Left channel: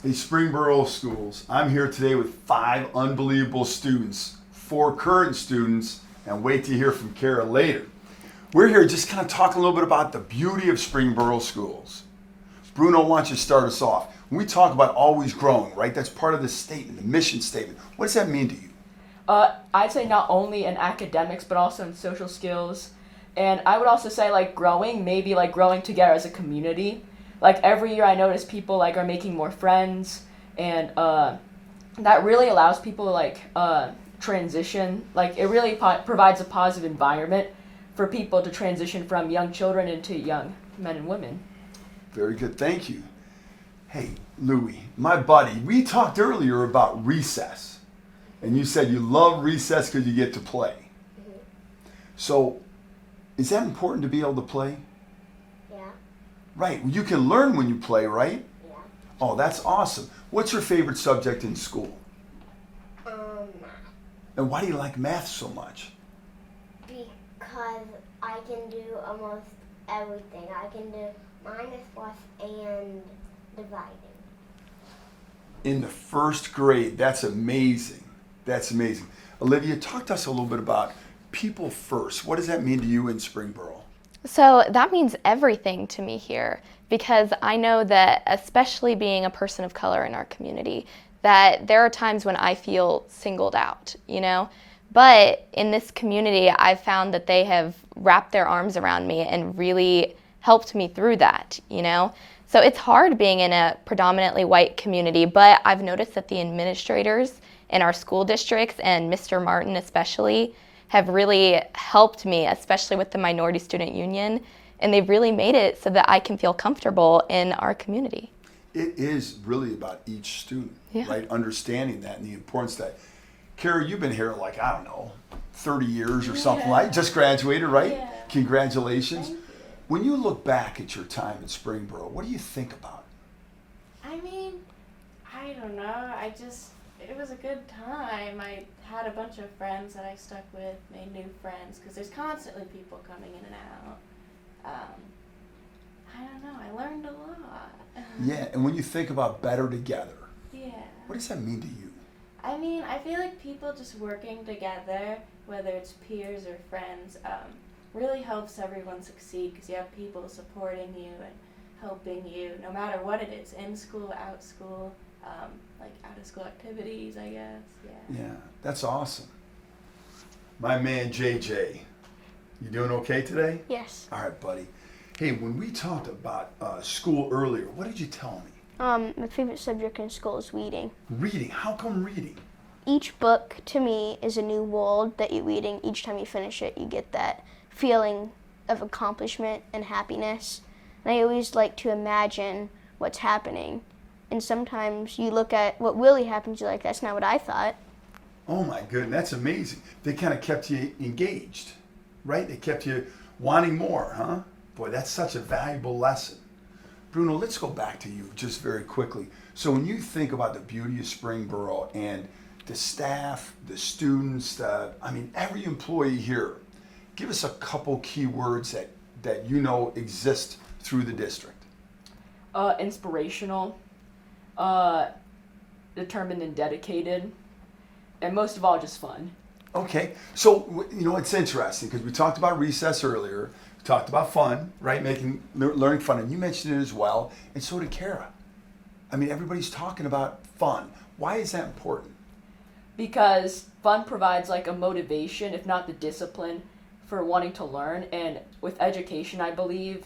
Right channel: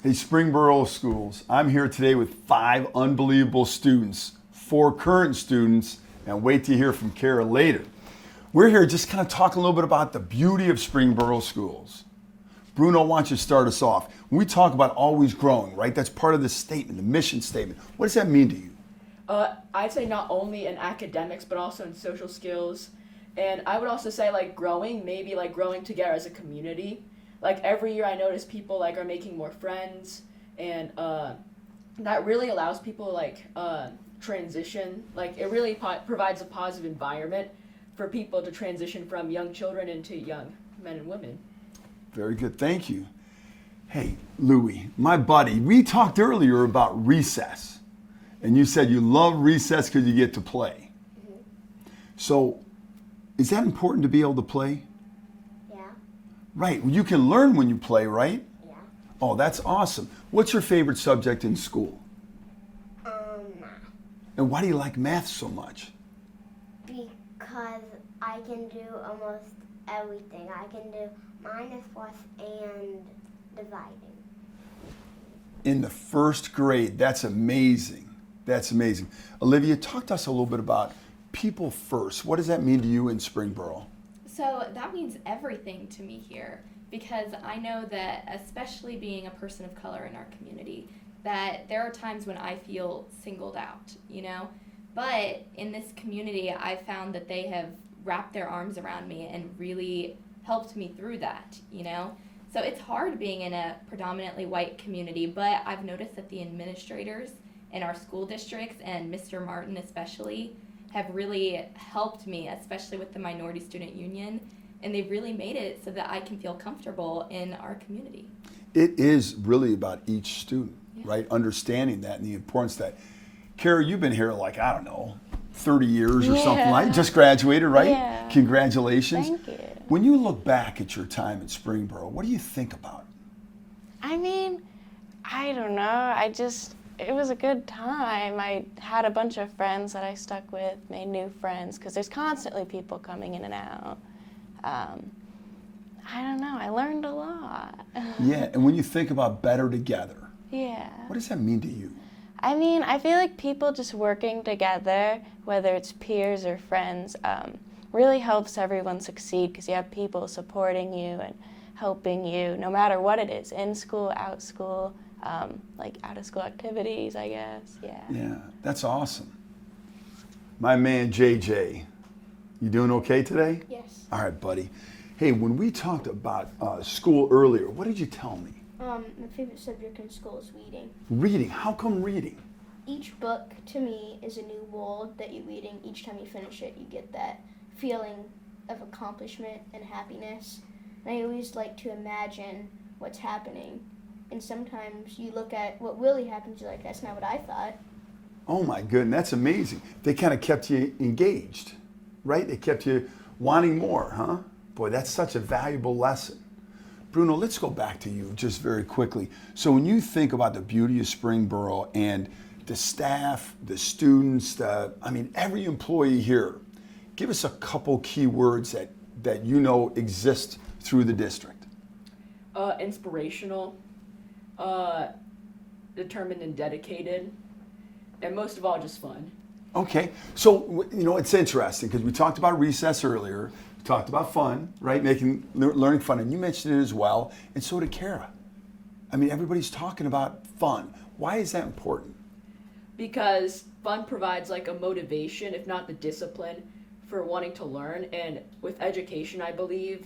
Hey, Springboro Schools. I'm here today with 5 unbelievable students, 4 current students, and wait to hear from Kara later. We're here just kind of talking a little bit about the beauty of Springboro Schools. Bruno, why don't you start us off? When we talk about always growing, right? That's part of the statement, the mission statement. What does that mean to you? I'd say not only in academics, but also in social skills. And I would also say like growing, maybe like growing together as a community. Like every year I notice people like are making more friends, and that really allows people to like transition. Like it really provides a positive environment for people to transition from young children into young men and women. Very good, thank you. Hey, Louie, my buddy, we talked earlier about recess. And you said you love recess because you get to play. Mm-hmm. So, is that important to be able to play? Yeah. Right. You can learn when you play, right? Yeah. Oh, that's awesome. What's your favorite subject in school? Math. And why do you like math so much? Because I can do almost everything. I can do minus, plus, and dividing. In the first grade, that's amazing. That's amazing. Olivia, talk to us a little bit about people first. What does that mean to you in Springboro? So that means everything to me here, because I know that, especially being a person of color in our community, that there are times when I feel singled out, you know? But in this community, I've found that they have wrapped their arms around me and really helped me through that, you know? So it's hard being in a predominantly white community, but I've noticed that the administrators in our school districts, and Mr. Martin especially, have really helped me, especially with the Minority Student Union, and they've really made it so that I can feel comfortable in our community. It is really about each student, Yeah. right? Understanding that and the importance that. Kara, you've been here like, I don't know, 30 years or something like, just graduated, right? Yeah. Congratulations. Thank you. When you look back at your time at Springboro, what do you think about? I mean, I don't know. It was a good time. I had a bunch of friends that I stuck with, made new friends, because there's constantly people coming in and out. I don't know. I learned a lot. Yeah, and when you think about better together, Yeah. what does that mean to you? I mean, I feel like people just working together, whether it's peers or friends, really helps everyone succeed, because you have people supporting you and helping you no matter what it is, in school, out school, like out of school activities, I guess. Yeah. Yeah, that's awesome. My man JJ, you doing okay today? Yes. All right, buddy. Hey, when we talked about school earlier, what did you tell me? My favorite subject in school is reading. Reading. How come reading? Each book, to me, is a new world that you're reading. Each time you finish it, you get that feeling of accomplishment and happiness. And I always like to imagine what's happening. And sometimes you look at what really happens, you're like, that's not what I thought. Oh my goodness, that's amazing. They kind of kept you engaged, right? They kept you wanting more, huh? Boy, that's such a valuable lesson. Bruno, let's go back to you just very quickly. So when you think about the beauty of Springboro and the staff, the students, every employee here, give us a couple key words that you know exist through the district. Inspirational, determined and dedicated, and most of all, just fun. Okay, so it's interesting because we talked about recess earlier. We talked about fun, right? Learning fun, and you mentioned it as well, and so did Kara. I mean, everybody's talking about fun. Why is that important? Because fun provides like a motivation, if not the discipline, for wanting to learn. And with education, I believe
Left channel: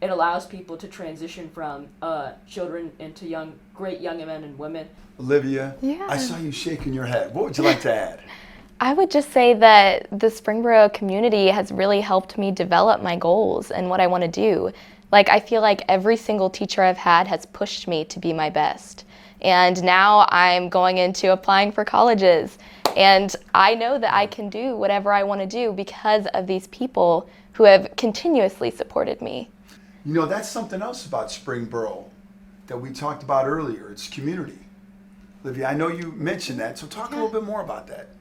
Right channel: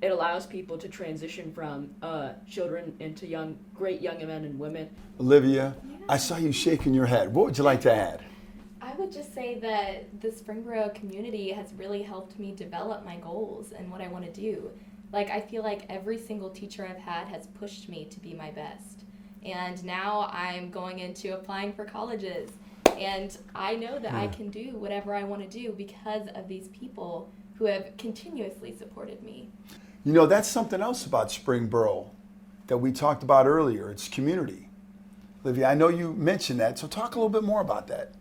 it allows people to transition from children into great young men and women. Olivia, Yeah. I saw you shaking your head. What would you like to add? I would just say that the Springboro community has really helped me develop my goals and what I want to do. Like, I feel like every single teacher I've had has pushed me to be my best. And now I'm going into applying for colleges. And I know that I can do whatever I want to do because of these people who have continuously supported me. You know, that's something else about Springboro that we talked about earlier. It's community. Olivia, I know you mentioned that, so talk a little bit more about that.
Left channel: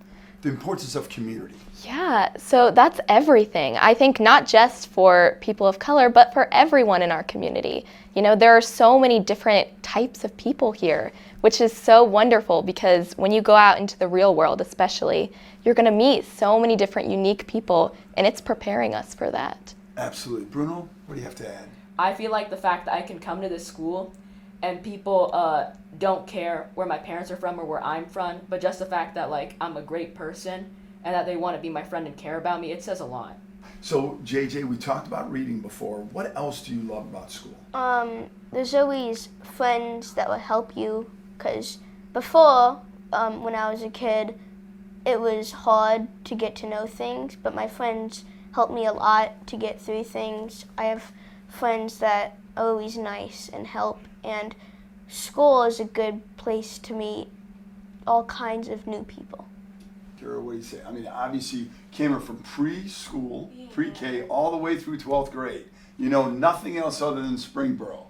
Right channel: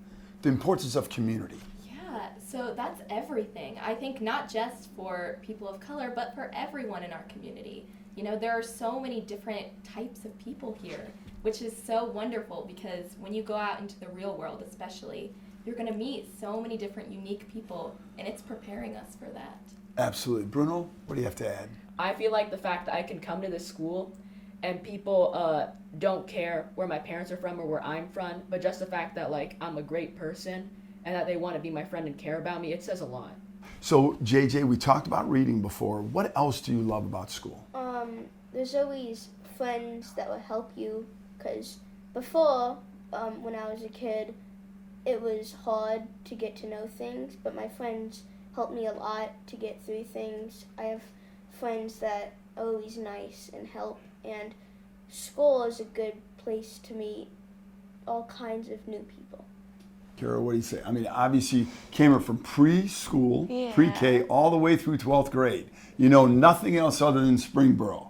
the importance of community. Yeah, so that's everything. I think not just for people of color, but for everyone in our community. You know, there are so many different types of people here, which is so wonderful because when you go out into the real world especially, you're going to meet so many different unique people, and it's preparing us for that. Absolutely. Bruno, what do you have to add? I feel like the fact that I can come to this school and people don't care where my parents are from or where I'm from, but just the fact that like I'm a great person and that they want to be my friend and care about me, it says a lot. So, JJ, we talked about reading before. What else do you love about school? There's always friends that will help you, because before, when I was a kid, it was hard to get to know things, but my friends helped me a lot to get through things. I have friends that are always nice and help, and school is a good place to meet all kinds of new people. Kara, what do you say? I mean, obviously, you came up from preschool, Yeah. pre-K, all the way through 12th grade. You know nothing else other than Springboro.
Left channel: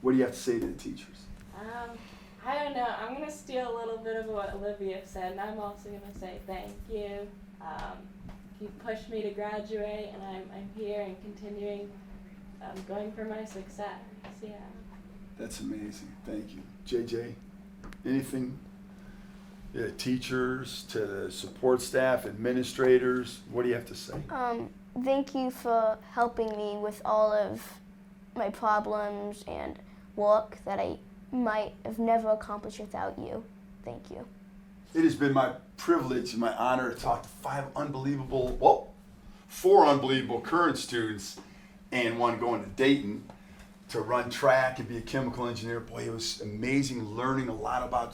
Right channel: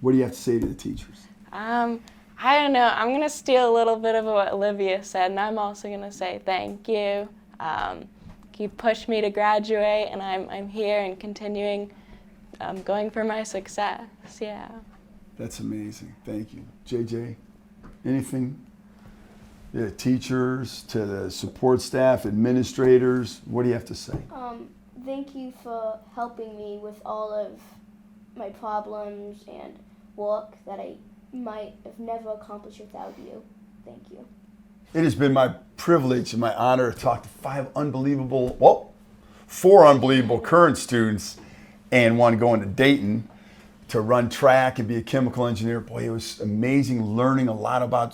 What do you have to say to the teachers? I don't know. I'm going to steal a little bit of what Olivia said, and I'm also going to say thank you. You pushed me to graduate, and I'm here and continuing going for my success. Yeah. That's amazing. Thank you. JJ, anything? Yeah, teachers, to the support staff, administrators, what do you have to say? Thank you for helping me with all of my problems and work that I might have never accomplished without you. Thank you. It has been my privilege and my honor to talk to four unbelievable current students and one going to Dayton to run track and be a chemical engineer. Boy, it was amazing learning a lot about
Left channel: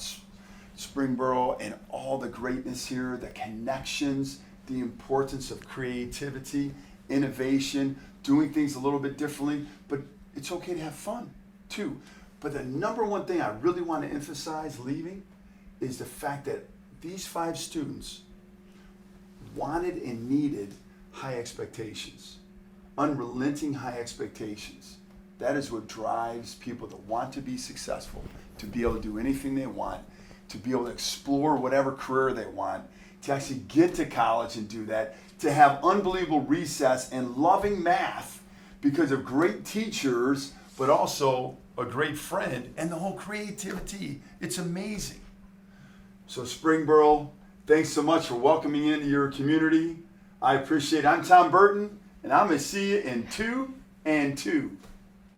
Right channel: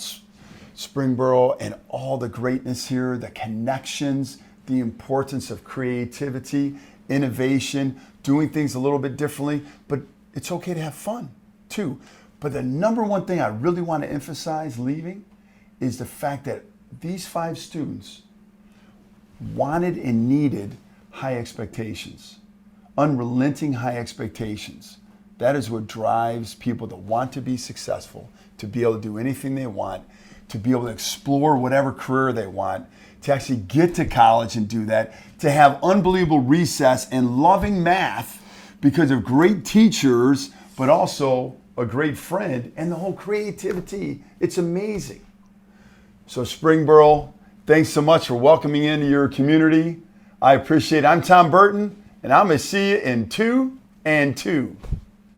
Springboro and all the greatness here, the connections, the importance of creativity, innovation, doing things a little bit differently, but it's okay to have fun too. But the number one thing I really want to emphasize leaving is the fact that these 5 students wanted and needed high expectations, unrelenting high expectations. That is what drives people to want to be successful, to be able to do anything they want, to be able to explore whatever career they want, to actually get to college and do that, to have unbelievable recess and loving math because of great teachers, but also a great friend and the whole creativity. It's amazing. So Springboro, thanks so much for welcoming into your community. I appreciate it. I'm Tom Burton, and I'm going to see you in 2 and 2.